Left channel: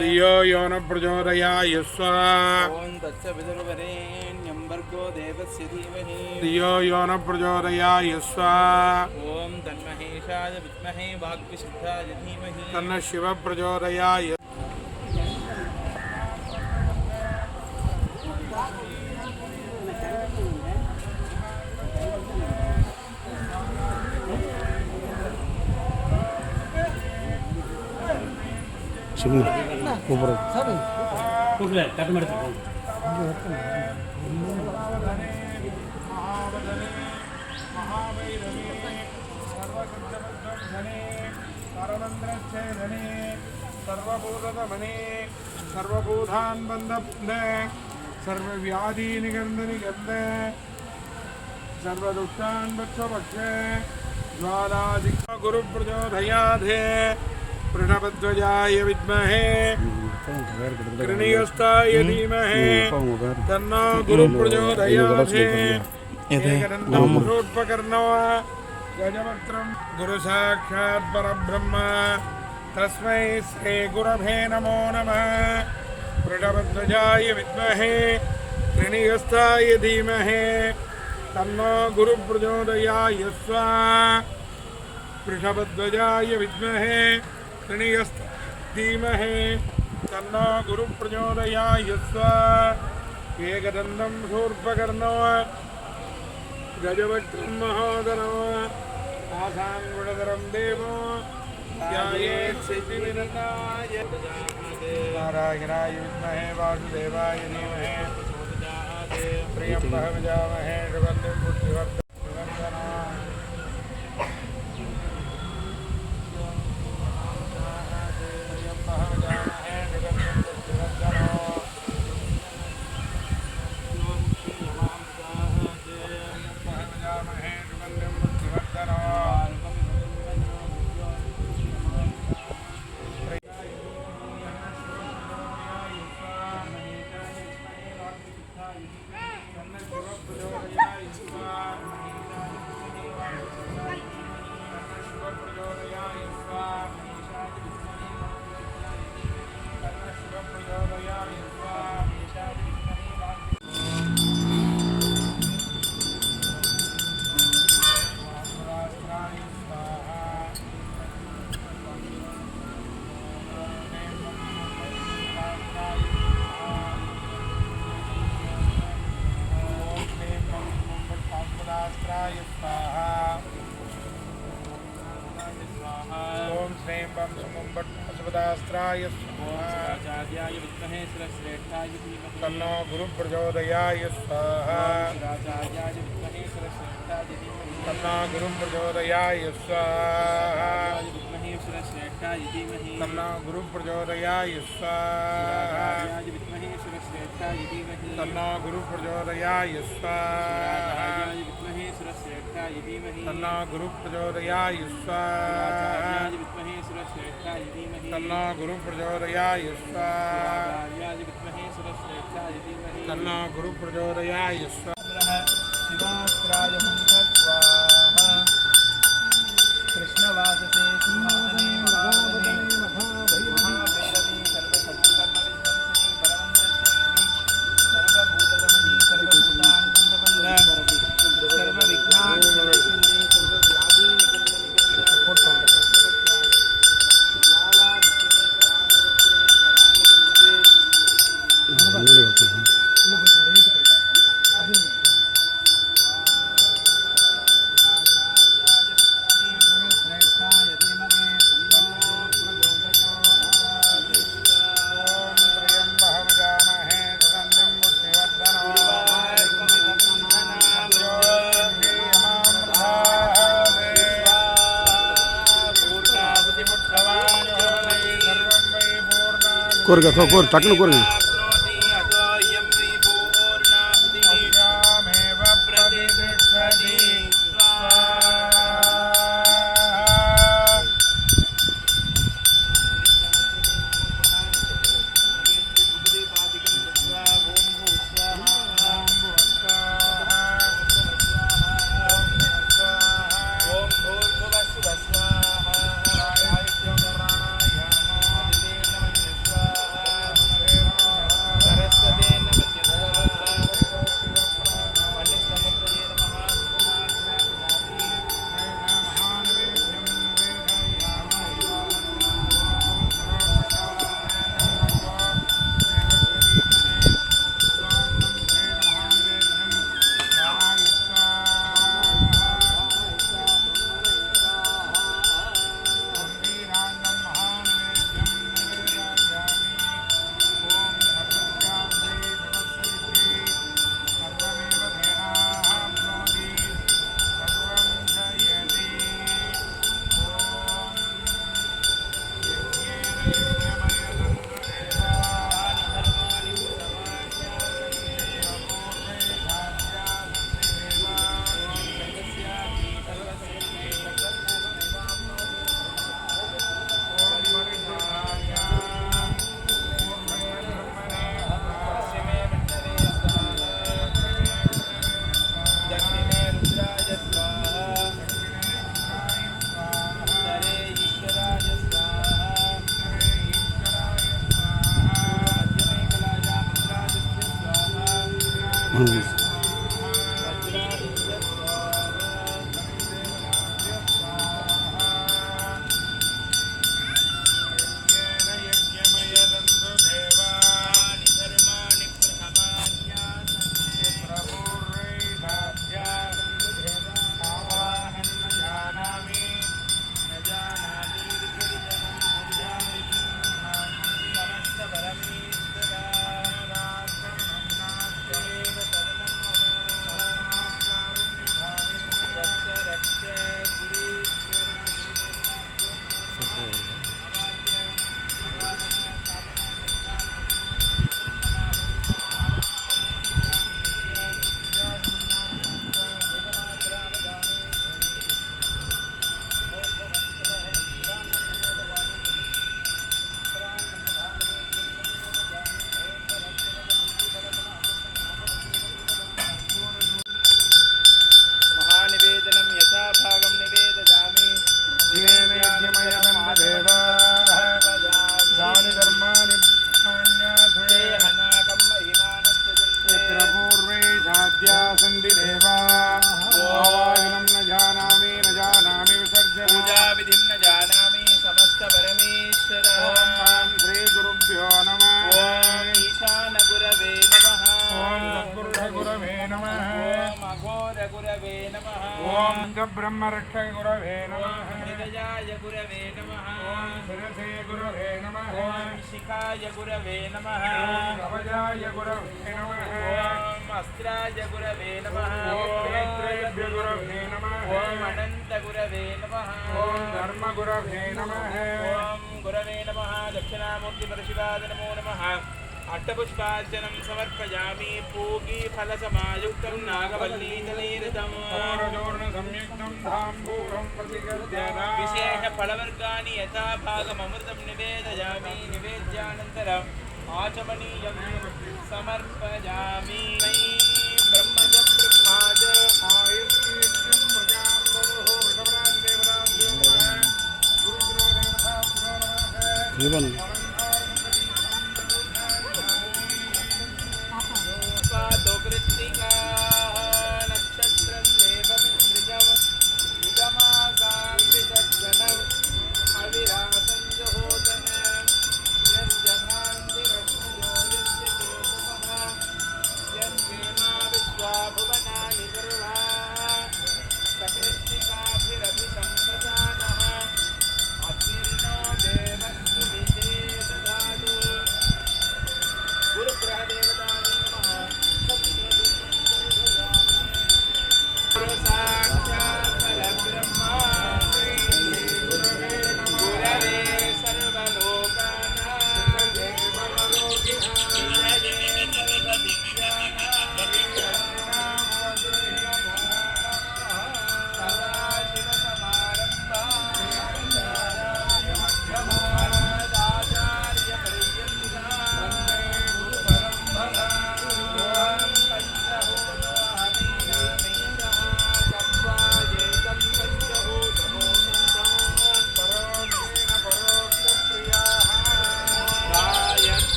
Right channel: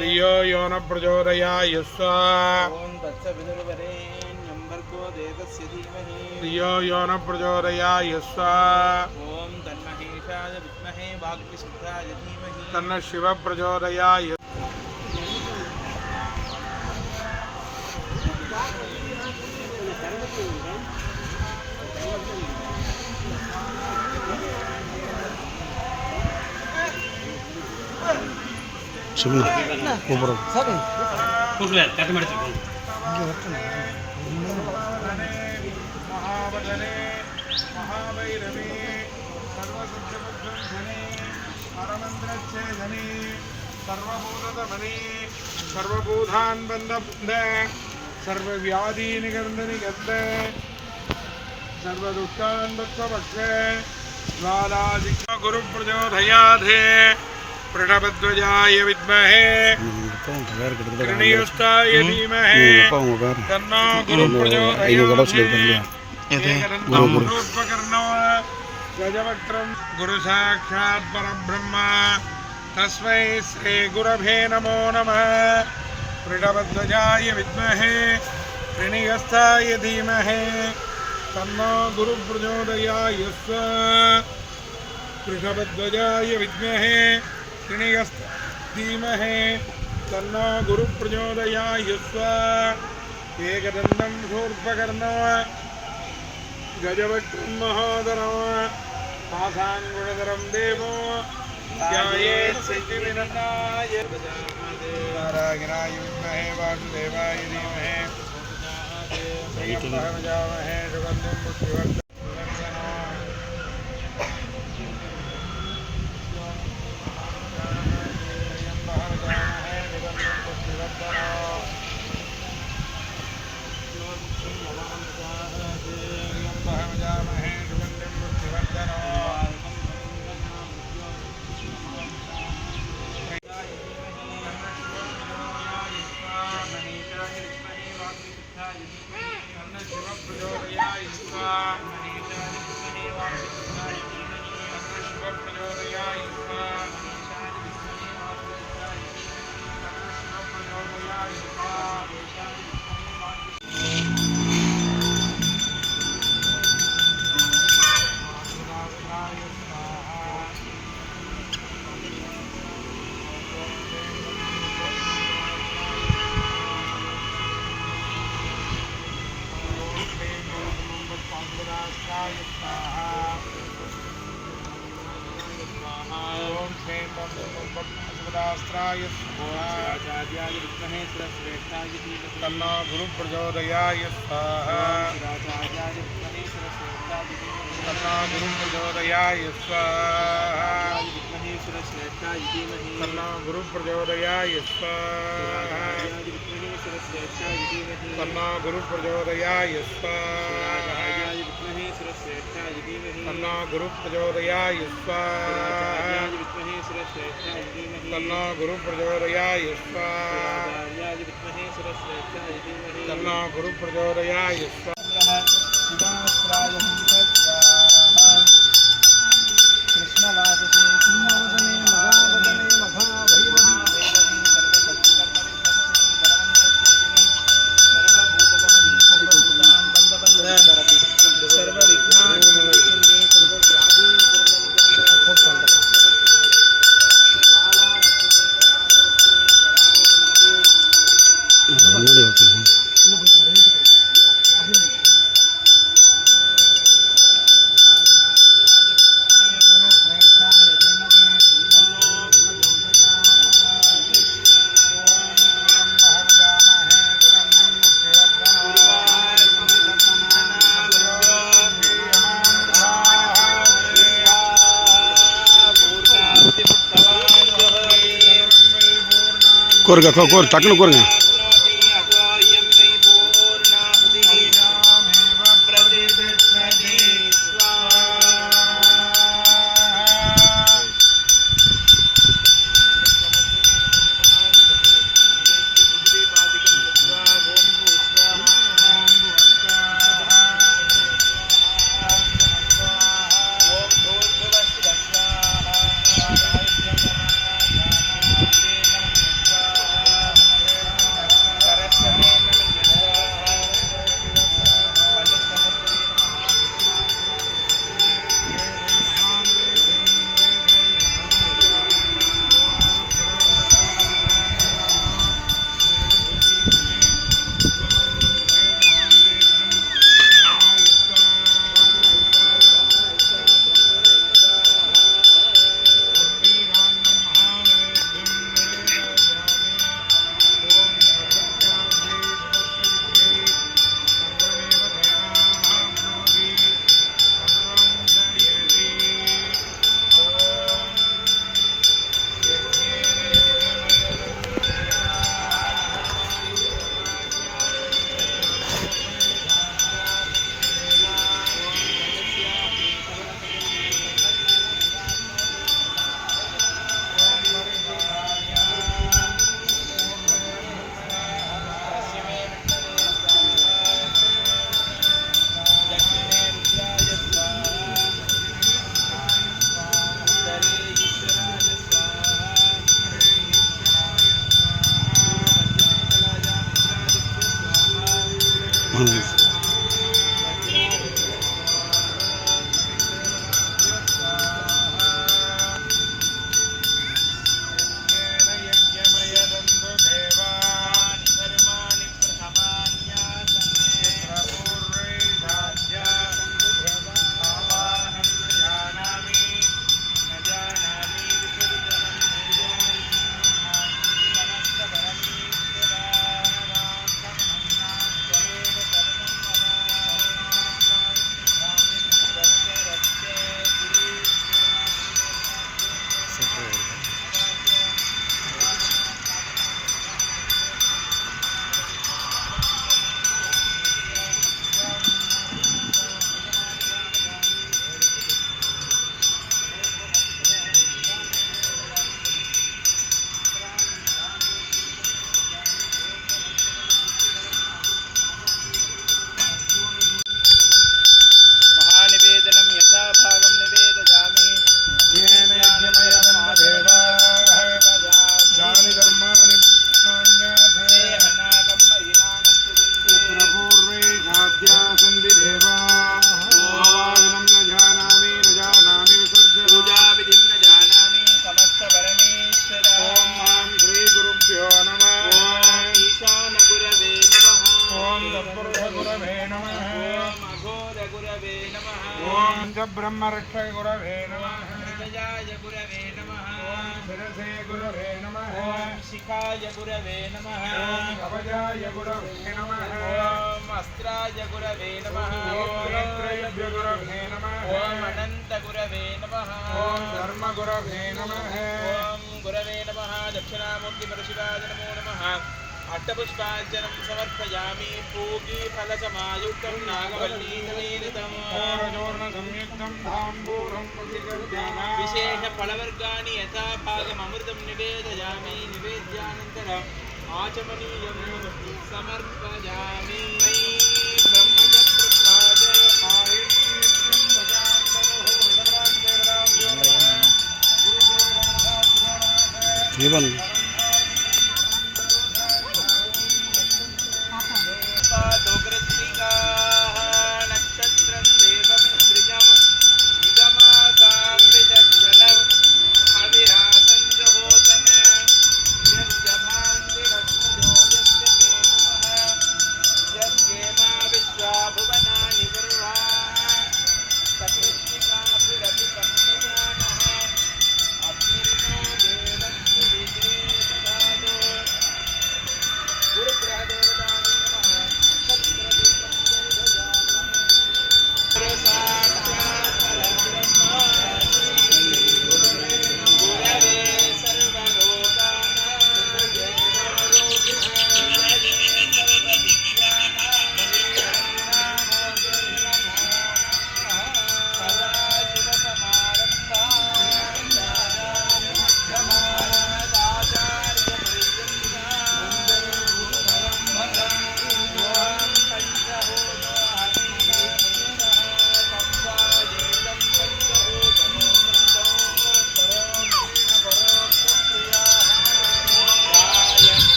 धियो यो न प्रचोदयाय धियो यो न प्रचोदयाय तन्न शिव प्रचोदयाय ಕಟ್ ಮಾಡ್ತೀವಿ सर्वभूतमने सर्वभूतान् बन्ध सर्वव्याधि निगन्ध सर्वदुष्टान् भक्ष गुरु प्रचोदयात् प्रणवध्वजाय विद्महे गणेशाय धीमहि तन्नो गुरु प्रचोदयात् गुरुपकर्णो गजवक्त्रं गुरु साक्षात् परब्रह्म तस्मै श्री गुरवे नमो नमः प्रणवध्वजाय विद्महे गणेशाय धीमहि तन्नो गुरु प्रचोदयात् वृषभध्वजाय विद्महे धीमहि तन्नो गुरु प्रचोदयात् एकदन्तं शूर्पकर्णो गजवक्त्रं महोदरो आसाङ्गुणधरं देवो ध्यायेत् सिद्धिविनायकाय नारायणाय विद्महे वासुदेवाय धीमहि प्रजामहे सुगन्धिं पुष्टिवर्धनम् तन्नो गुरु प्रचोदयात् तन्नो गुरु प्रचोदयात् तन्नो गुरु प्रचोदयाय स्वाहा तन्नो गुरु प्रचोदयाय स्वाहा तन्नो गुरु प्रचोदयाय स्वाहा तन्नो गुरु प्रचोदयाय स्वाहा तन्नो गुरु प्रचोदयाय स्वाहा शिवास्त्राय स्वाहा कृष्णवाससे सिंहासने महावने महाभैरवी सर्वशत्रुकर्मविध्वंसिनी परमन्द्रचेतनी सर्वभूतगमनी सर्वभूतान् बन्धबन्धे सर्वविघ्नान् निवर्तिन्दे सर्वव्याधि கோருங்க கோர் டக்குன்னு கோருங்க ब्रह्मरक्षय गुरवे नमः मृगजाय गुरवे नमः ओम शिरसे गुरवे नमः ओम शिखाय गुरवे नमः ओम कवचाय गुरवे नमः ओम अस्त्राय गुरवे नमः ओम गुरवे नमः ओम अनंत गुरवे नमः ओम धर्म गुरवे नमः ओम गुरवे नमः दक्षिणामूर्तिपरशिवाय नमो नमः अष्टपुष्पार्चनं समर्पयामि पूगीफलसमायुक्तं नागवल्लीतमेरितं संयुक्तं धाम्बूरं विशेषफलवर्गाणि यथा भागममृतं निवेदयामि निवेद्यानन्तरम् आचमनीयं समर्पयामि ब्रह्मज ब्रह्माज आयुष्यं भजान्दरुः जीवन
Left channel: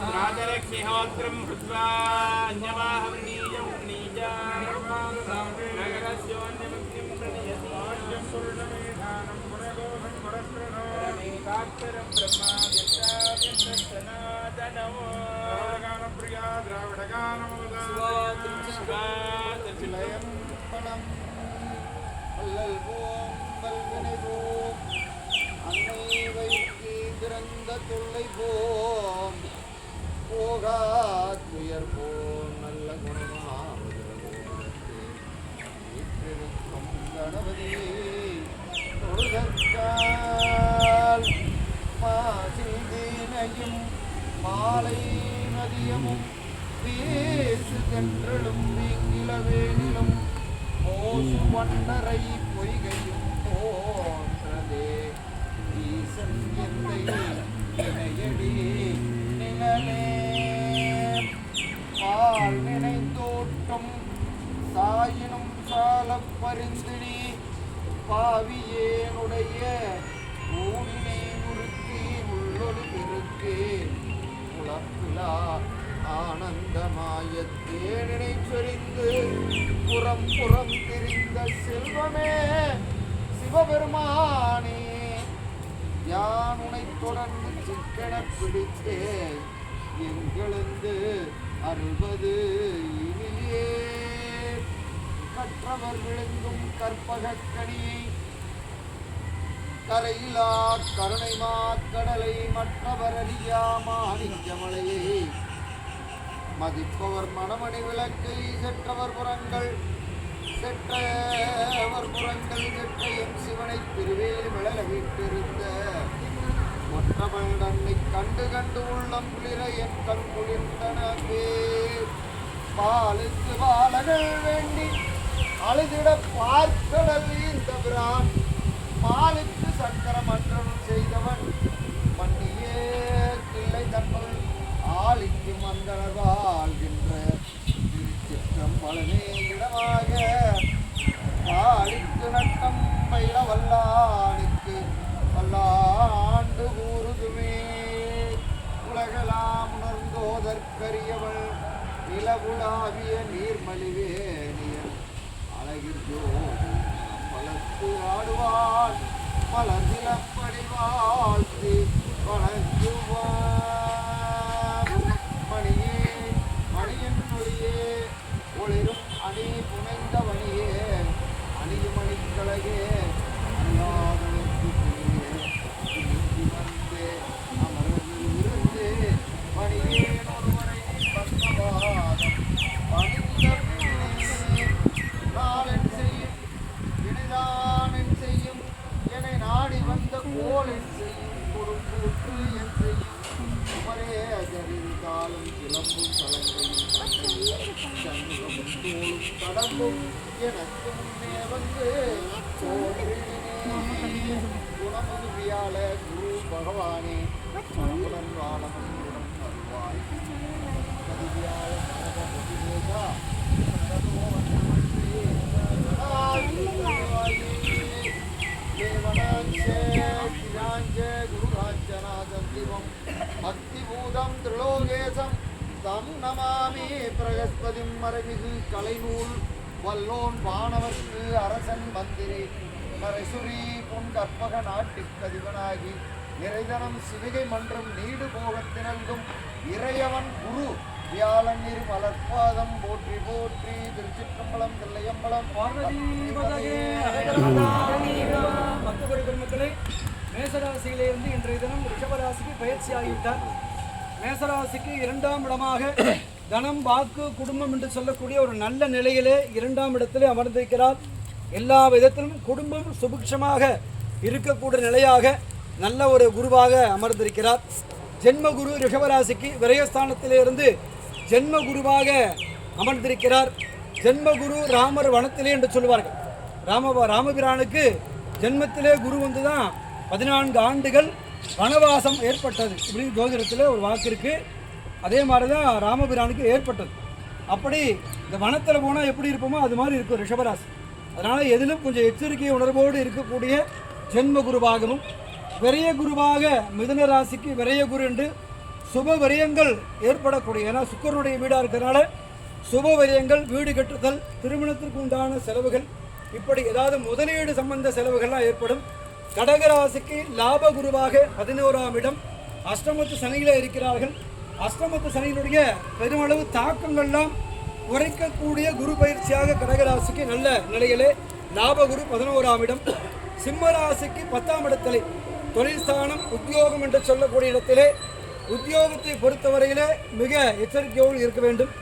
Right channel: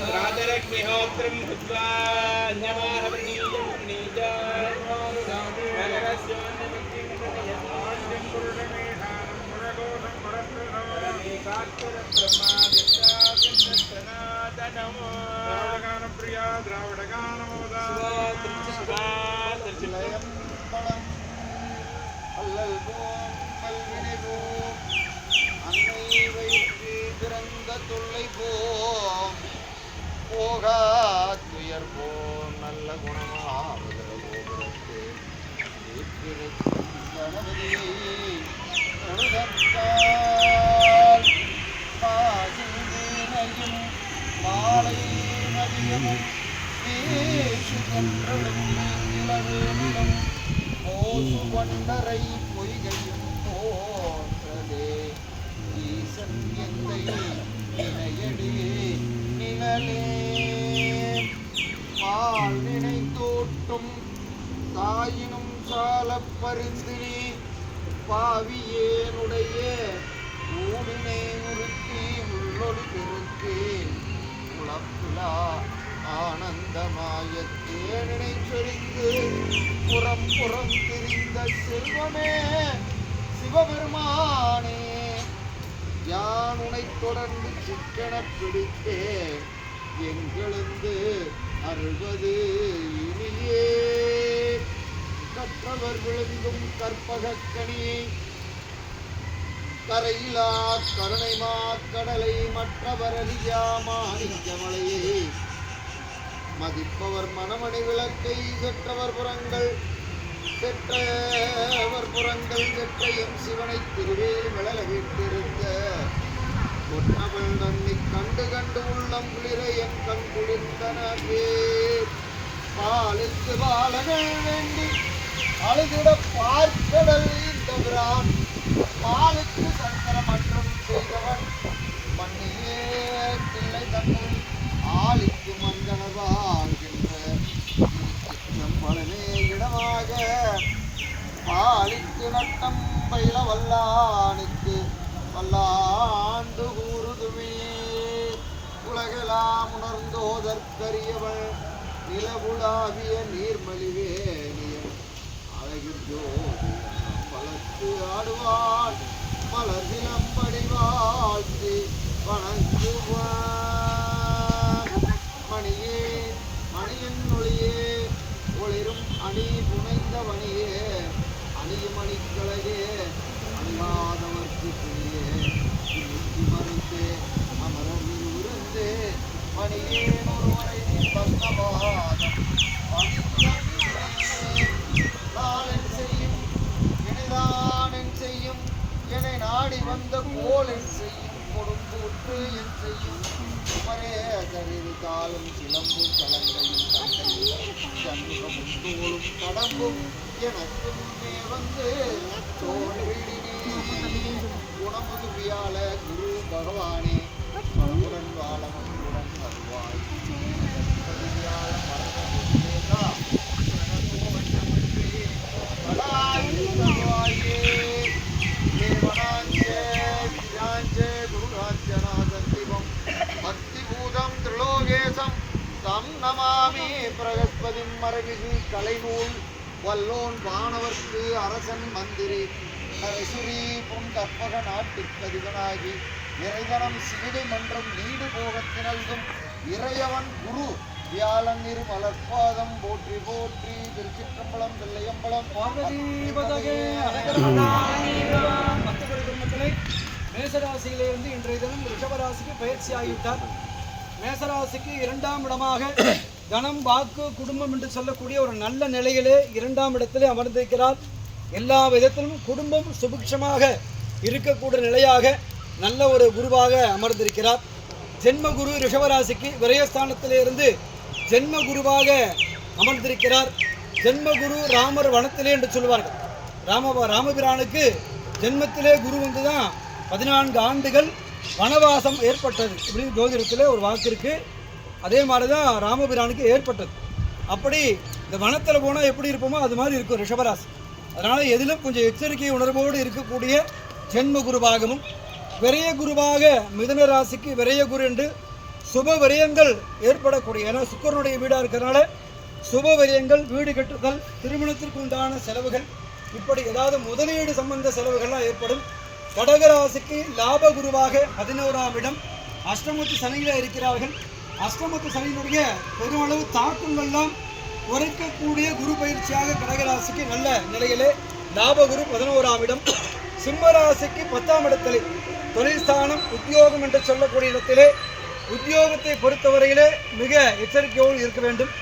राजलक्ष्मीहोत्रं भूत्वा अन्यमाहवनीयं नीजा नगरस्योन्यमग्निं प्रणयस्वाद्यं पुरुषमेधानं पुरगोधं परस्त्रमेकाक्षरं ब्रह्मादित्यादिं सनातनमो गानप्रिया द्राविडगानमोदा அன்னை வைத்து பிறந்த தொல்லை போம் போகா துயர் போம் நல்ல குணமாவதற்கு கணபதி தொழுதற்கால் மாசிந்தினையும் மாலை மதியமும் வீசு என்றளும் இளவேனிலும் போசு வண்டரை பொய்கையும் தோன்றதே ஈசன் எந்தை இணையடி நிழலே வாழ்வினை தோட்டும் தாயினும் சால பரிந்தினி பாவியேனுடைய ஊடினை உருக்கி உள்ளொளி பெருக்கு குழப்பிலா ஆனந்தமாய தேனினை சொரிந்து புறம் புறம் திரிந்த செல்வமே சிவபெருமானே யான் உனை தொடர்ந்து சிக்கன பிடித்தே எங்களந்து அருள்வது இனியே கற்றவர் விழுங்கும் கற்பகக்கனியை கரையிலா கருணை மாக்கடலை மற்றவர் அறியா மாணிக்கமலையை மதிப்பவர் மணமணி விளக்கை செற்றவர் புறங்கள் செற்ற என் சிவனை திருவேலி மலல வீட்டிருந்த ஒற்றவன் தன்னை கண்டு கண்டு உள்ளம் குளிர என் கண் குளிர்ந்தனவே பாலுக்கு பாலகள் வேண்டி அழுதிட பார்க்கடல் இந்த பிரான் பாலுக்கு சக்கரமற்றம் செய்தவன் மண்ணியே கிள்ளை தன்னுள் ஆளிக்கு மந்தனர் வாழ்கின்ற பலனே இடமாக பாலிக்கு நட்டம் பயில வல்லானுக்கு வல்லாண்டு கூறுதுமே உலகெல்லாம் உணர்ந்தோதற்கரியவள் நிலவுலாவிய நீர்மலிவேணியன் அழகில் ஜோதி பலத்து ஆடுவாள் மலர்சிலம்படி வாழ்த்து வணங்குவார். மணியே மணியன் ஒளியே ஒளிரும் அணி புனைந்த மணியே அணியும் அணிக்கழகே அணியாதவர்க்கு துணியே துணிக்கு மருந்து அமரர் விருந்து மணியேன் ஒருவரை பந்தவாதம் பணித்தன் செய்யும் இணைதான் செய்யும் என்னை நாடி வந்த கோல் என் செய்யும் கொடுத்து என் செய்யும் குமரே அதறிது காலம் சிலம்பும் கலங்கையும் கடம்பும் எனக்கு முன்னே வந்து குணமுதுவியால குரு பகவானே குணம் வாழமும் குணம் தருவாய் பக்திபூதம் திரிலோகேசம் தம் நமாமி பிரகஸ்பதிம் மரபிகு கலைநூல் வல்லோன் வானவர்க்கு அரசன் மந்திரி நரசுரி பொன் கற்பக நாட்டுக்கதிபனாகி இறைதனம் சிவிகை மன்றம் நீடு போகத்தினல்கும் இறையவன் குரு வியாழன் இரு மலர்பாதம் போற்றி போற்றி திருச்சிற்றம்பலம் தில்லையம்பலம் பார்வதி பக்தகோடி பெருமக்களே, மேசராசியிலிருந்து இன்றைய தினம் ரிஷபராசிக்கு பயிற்சி ஆகிவிட்டார். மேசராசிக்கு 2ஆம் இடமாக தனம் வாக்கு குடும்பம் என்று சொல்லக்கூடிய ஒரு நல்ல நிலையிலே 2ஆம் இடத்திலே அமர்ந்திருக்கிறார். எல்லா விதத்திலும் குடும்பம் சுபிக்ஷமாக இருக்கக்கூடிய நிலையாக நல்ல ஒரு குருவாக அமர்ந்திருக்கிறார். ஜென்மகுரு ரிஷபராசிக்கு விரயஸ்தானத்திலிருந்து ஜென்ம குருவாக அமர்ந்திருக்கிறார். ஜென்மகுரு ராமர் வனத்திலே என்று சொல்வார்கள். ராமபிரானுக்கு ஜென்மத்திலே குரு வந்து தான் 14 ஆண்டுகள் வனவாசம் ஏற்பட்டது இப்படின்னு ஜோதிடத்தில் ஒரு வாக்கு இருக்குது. அதே மாதிரி தான் ராமபிரானுக்கு ஏற்பட்டது. அப்படி இந்த வனத்தில் போனால் எப்படி இருப்போமோ அது மாதிரி இருக்கும் ரிஷபராசி. அதனால் எதிலும் கொஞ்சம் எச்சரிக்கை உணர்வோடு இருக்கக்கூடிய ஜென்ம குருவாகவும், விரய குருவாக மிதுன ராசிக்கு விரய குரு என்று சுப விரயங்கள் ஏற்படக்கூடிய, ஏன்னா சுக்கரனுடைய வீடாக இருக்கிறதுனால சுப விரயங்கள், வீடு கட்டுதல், திருமணத்திற்கு உண்டான செலவுகள், இப்படி ஏதாவது முதலீடு சம்பந்த செலவுகள்லாம் ஏற்படும். கடகராசிக்கு லாப குருவாக 11ஆம் இடம் அஷ்டமத்து சனியில் இருக்கிறார்கள். அஷ்டமத்து சனியினுடைய பெருமளவு தாக்கங்கள்லாம் குறைக்கக்கூடிய குரு பயிற்சியாக கடகராசிக்கு நல்ல நிலையிலே லாபகுரு 11ஆம் இடம். சிம்மராசிக்கு 10ஆம் இடத்திலே தொழில் ஸ்தானம் உத்தியோகம் என்று சொல்லக்கூடிய இடத்திலே உத்தியோகத்தை பொறுத்தவரையிலே மிக எச்சரிக்கையோடு இருக்க வேண்டும்.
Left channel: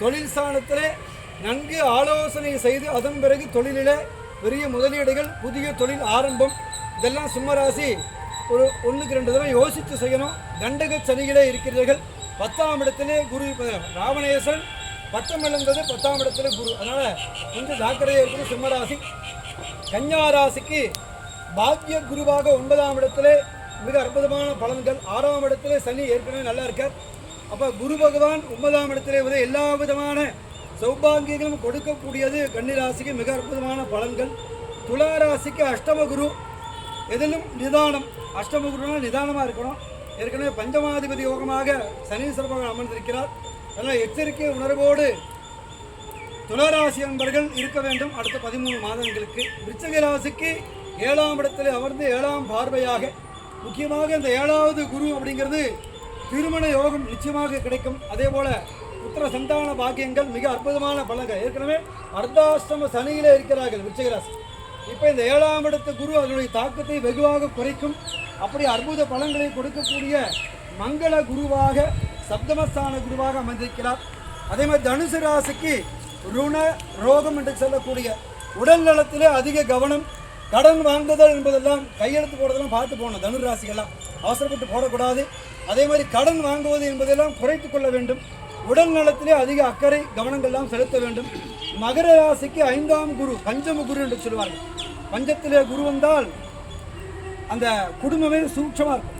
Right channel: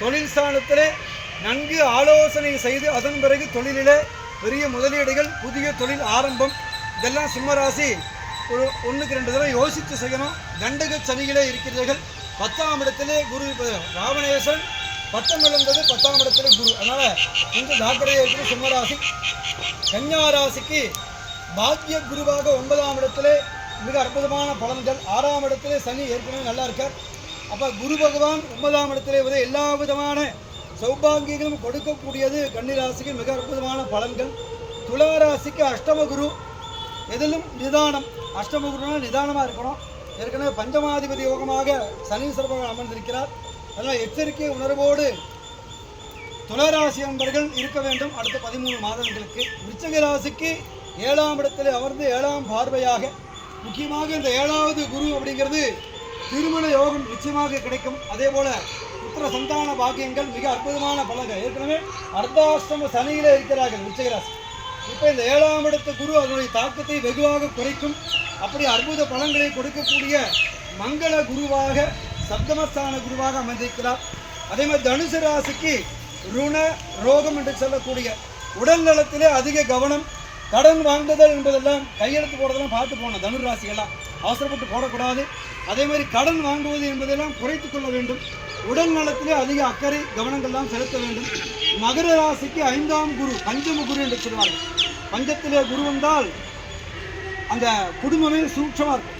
தொழில் ஸ்தானத்திலே நன்கு ஆலோசனை செய்து அதன் பிறகு தொழிலிலே பெரிய முதலீடுகள், புதிய தொழில் ஆரம்பம், இதெல்லாம் சிம்மராசி ஒரு 1க்கு 2 தடவை யோசித்து செய்யணும். கண்டக சனிகளே இருக்கிறீர்கள். 10ஆம் இடத்திலே குரு ராவணேஸ்வரன் பட்டம் இழந்தது 10ஆம் இடத்திலே குரு. அதனால் கொஞ்சம் ஜாக்கிரதையாக இருக்கிற சிம்மராசி. கன்னியாராசிக்கு பாக்கிய குருவாக 9ஆம் இடத்திலே மிக அற்புதமான பலன்கள். 6ஆம் இடத்திலே சனி ஏற்கனவே நல்லா இருக்கார். அப்போ குரு பகவான் 9ஆம் இடத்திலே எல்லா விதமான சௌபாகியங்களும் கொடுக்கக்கூடியது கன்னிராசிக்கு மிக அற்புதமான பலன்கள். துளாராசிக்கு அஷ்டம குரு, எதிலும் நிதானம். அஷ்டம குருனா நிதானமாக இருக்கணும். ஏற்கனவே பஞ்சமாதிபதி யோகமாக சனீஸ்வரன் அமர்ந்திருக்கிறார். அதனால் எச்சரிக்கை உணர்வோடு துளாராசி நண்பர்கள் இருக்க வேண்டும் அடுத்த 13 மாதங்களுக்கு. விருச்சிக ராசிக்கு 7ஆம் இடத்தில் அமர்ந்து 7ஆம் பார்வையாக, முக்கியமாக இந்த 7வது குரு அப்படிங்கிறது திருமண யோகம் நிச்சயமாக கிடைக்கும். அதே போல் புத்திர சந்தான பாக்கியங்கள், மிக அற்புதமான பலன்கள். ஏற்கனவே அர்த்தாஷ்டம சனியிலே இருக்கிறார்கள் விருச்சிக ராசி. இப்போ இந்த 7ஆம் இடத்து குரு அதனுடைய தாக்கத்தை வெகுவாக குறைக்கும். அப்படி அற்புத பலன்களை கொடுக்கக்கூடிய மங்கள குருவாக, சப்தமஸ்தான குருவாக அமைந்திருக்கிறார். அதே மாதிரி தனுசு ராசிக்கு ருண ரோகம் என்று சொல்லக்கூடிய உடல் நலத்திலே அதிக கவனம். கடன் வாங்குதல் என்பதெல்லாம் கையெழுத்து போடுறதெல்லாம் பார்த்து போகணும். தனுர் ராசியெல்லாம் அவசரப்பட்டு போடக்கூடாது. அதே மாதிரி கடன் வாங்குவது என்பதெல்லாம் குறைத்து கொள்ள வேண்டும். உடல் நலத்திலே அதிக அக்கறை கவனங்கள்லாம் செலுத்த வேண்டும். மகர ராசிக்கு 5ஆம் குரு, பஞ்சம குரு என்று சொல்வார்கள். பஞ்சத்திலே குரு வந்தால் அந்த குடும்பமே சூட்சமாக இருக்கும்.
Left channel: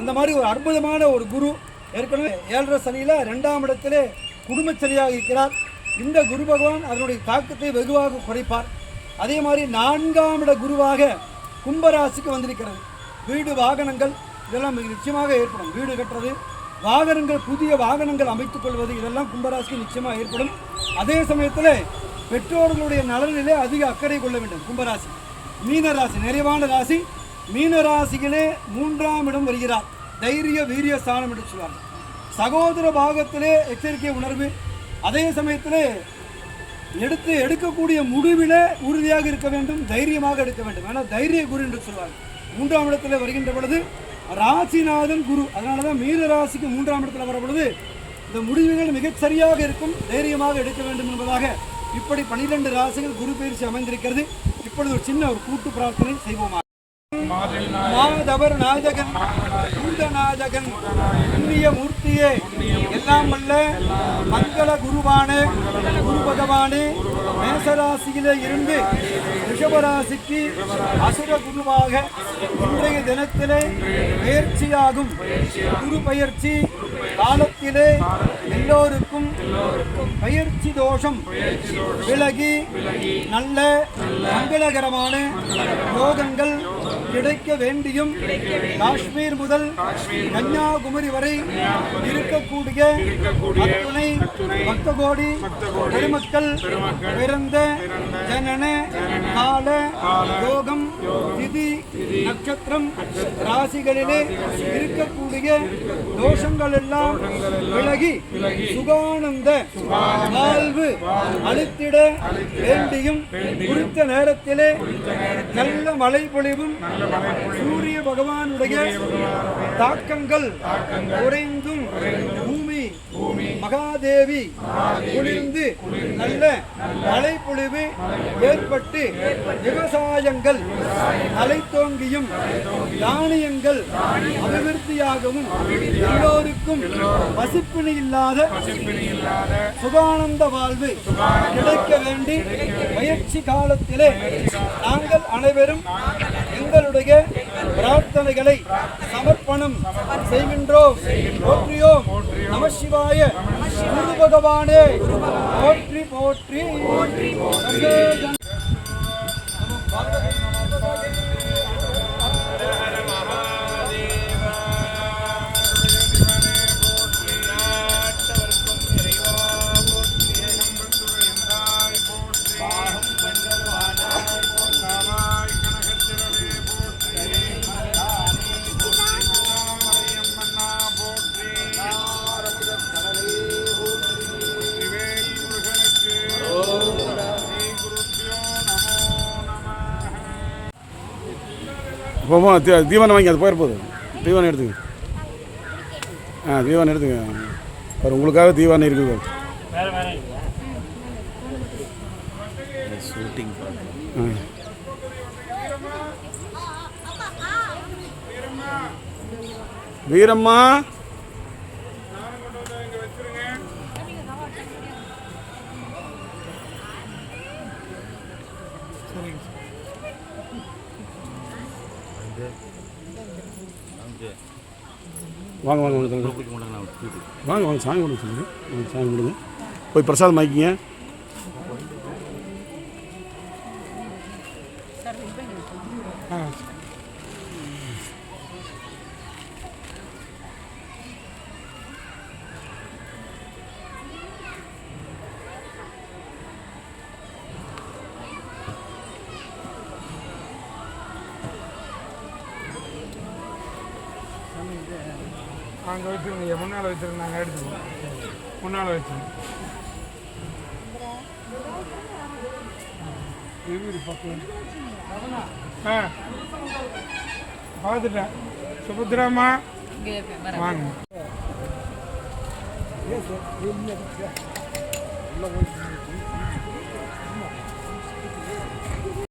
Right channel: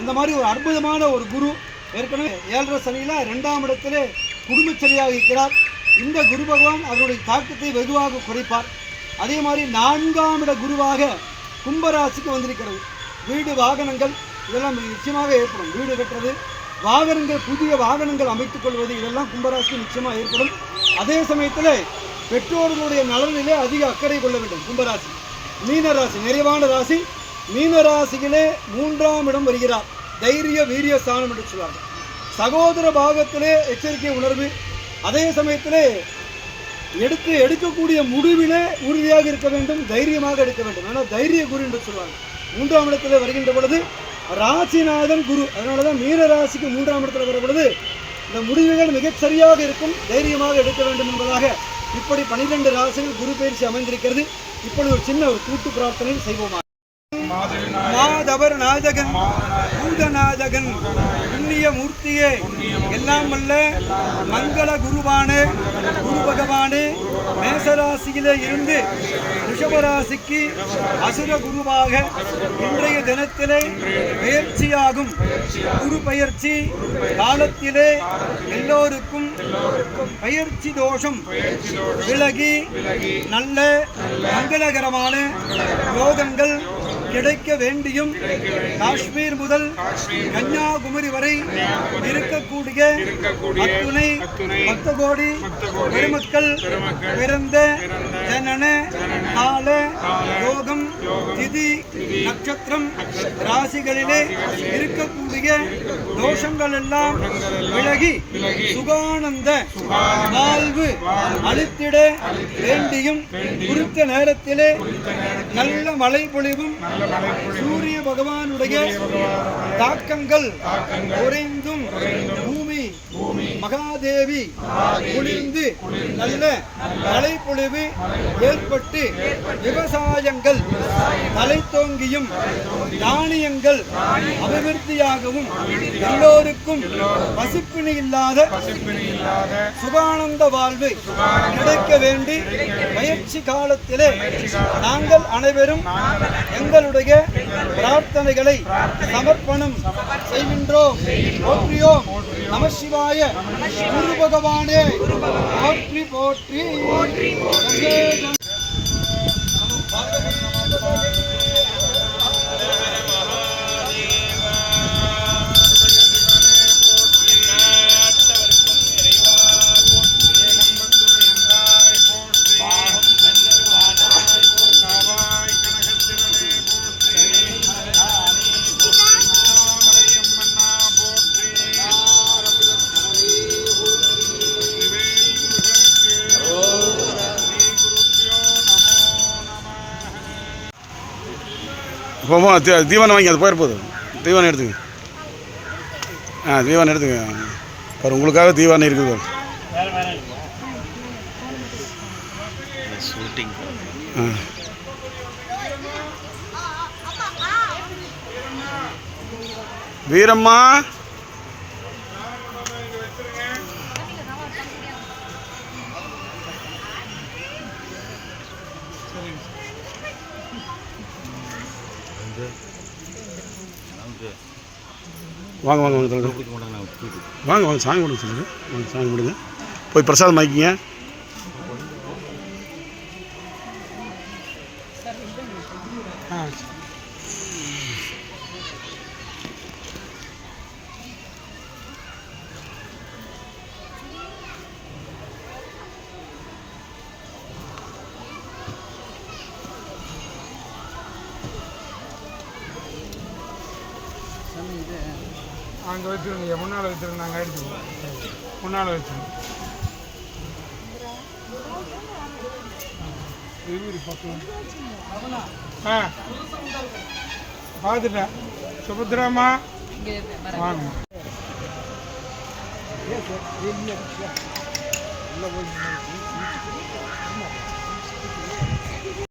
அந்த மாதிரி ஒரு அற்புதமான ஒரு குரு. ஏற்கனவே 7.5 சனியில் 2ஆம் இடத்திலே குடும்பச்சரியாக இருக்கிறார். இந்த குரு பகவான் அதனுடைய தாக்கத்தை வெகுவாக குறைப்பார். அதே மாதிரி 4ஆம் இட குருவாக கும்பராசிக்கு வந்திருக்கிறது. வீடு வாகனங்கள் இதெல்லாம் நிச்சயமாக ஏற்படும். வீடு கட்டுறது, வாகனங்கள், புதிய வாகனங்கள் அமைத்துக் கொள்வது, இதெல்லாம் கும்பராசிக்கு நிச்சயமாக ஏற்படும். அதே சமயத்தில் பெற்றோர்களுடைய நலனிலே அதிக அக்கறை கொள்ள வேண்டும் கும்பராசி. மீன ராசி நிறைவான ராசி. மீன ராசியிலே 3ஆம் இடம் வருகிறார். தைரிய வீரிய ஸ்தானம் என்று சொல்லுவாங்க. சகோதர பாகத்திலே எச்சரிக்கை உணர்வு, அதே சமயத்திலே எடுக்கக்கூடிய முடிவிலே உறுதியாக இருக்க வேண்டும், தைரியமாக எடுக்க வேண்டும். ஆனால் தைரிய குரு என்று சொல்லுவாங்க. 3ஆம் இடத்துல வருகின்ற பொழுது ராசிநாதன் குரு, அதனால தான் மீன ராசிக்கு 3ஆம் இடத்துல வர பொழுது இந்த முடிவுகள் மிகச் சரியாக இருக்கும், தைரியமாக எடுக்க வேண்டும் என்பதாக இப்படி 12 ராசியில் குரு பயிற்சி அமைந்திருக்கிறது. இப்பொழுது ஒரு சின்ன ஒரு கூட்டு பிரார்த்தனை செய்வோமா. நாதவர் நாயகன் பூதநாயகன் புண்ணிய மூர்த்தியே, எல்லாம் வல்ல மங்கள குருவானே, குரு பகவானே, மேசராசியிலே இருந்து ரிஷபராசிக்கு அசுர குருவாக இன்றைய தினத்திலே பயிற்சியாகும் குரு பயிற்சி காலத்திலே எல்லோருக்கும் பயிற்சி தோஷம் விலகி நல்ல மங்களகரமான யோகங்கள் கிடைக்க வேண்டியும் காஷ்மீர் முதல் கன்னியாகுமரி வரை இருக்கக்கூடிய அத்துணை பக்த கோடி பெருமக்கள் பிறந்த ஜனன கால யோகம் திதி நட்சத்திரம் ராசிகளிலே இருக்கக்கூடிய தோஷங்கள் எல்லாம் விலகி சுகானந்த வாழ்வு அளித்திட வேண்டியும் குறித்த நேரத்திலே நல்ல மழை பொழிவும் சூரிய பகவானுடைய தாக்கங்கள் குறைந்தும் பூமி மகாதேவி குளிர்ந்து நல்ல மழைப்பொழிவு ஏற்பட்டு விவசாயங்கள் தலைத்தோங்கியும் தானியங்கள் அபிவிருத்தியாகவும் எல்லோருக்கும் பசிப்பிணி இல்லாத சுகானந்த வாழ்வு கிடைக்க வேண்டி பயிற்சி காலத்திலே நாங்கள் அனைவரும் எங்களுடைய பிரார்த்தனைகளை சமர்ப்பணம் செய்கின்றோம். போற்றியோம் நம சிவாய. குரு பகவானே போற்றி போற்றி. போமா தீவனம் வாங்கி அது போயிருப்போது. தீவனம் எடுத்துங்க. தீவனம் எடுத்துங்க. பாரு உங்களுக்காக தீவனம் இருக்குது. ஷூட்டிங் வீரம்மா வாங்க வாங்க வாங்க வாங்க வாங்க சாமி கொடுங்க சொல்லுங்க. வாங்க சாமி கொடுங்க. போய் பிரசாதம் வாங்கிக்கிங்க. அங்கே வச்சுருங்க, முன்னால் வச்சுருங்க, நாங்கள் எடுத்துக்குவோம். முன்னால் வச்சுருங்க. இது பக்கம் பார்த்துட்டேன். சுபத்ராமா வாங்க.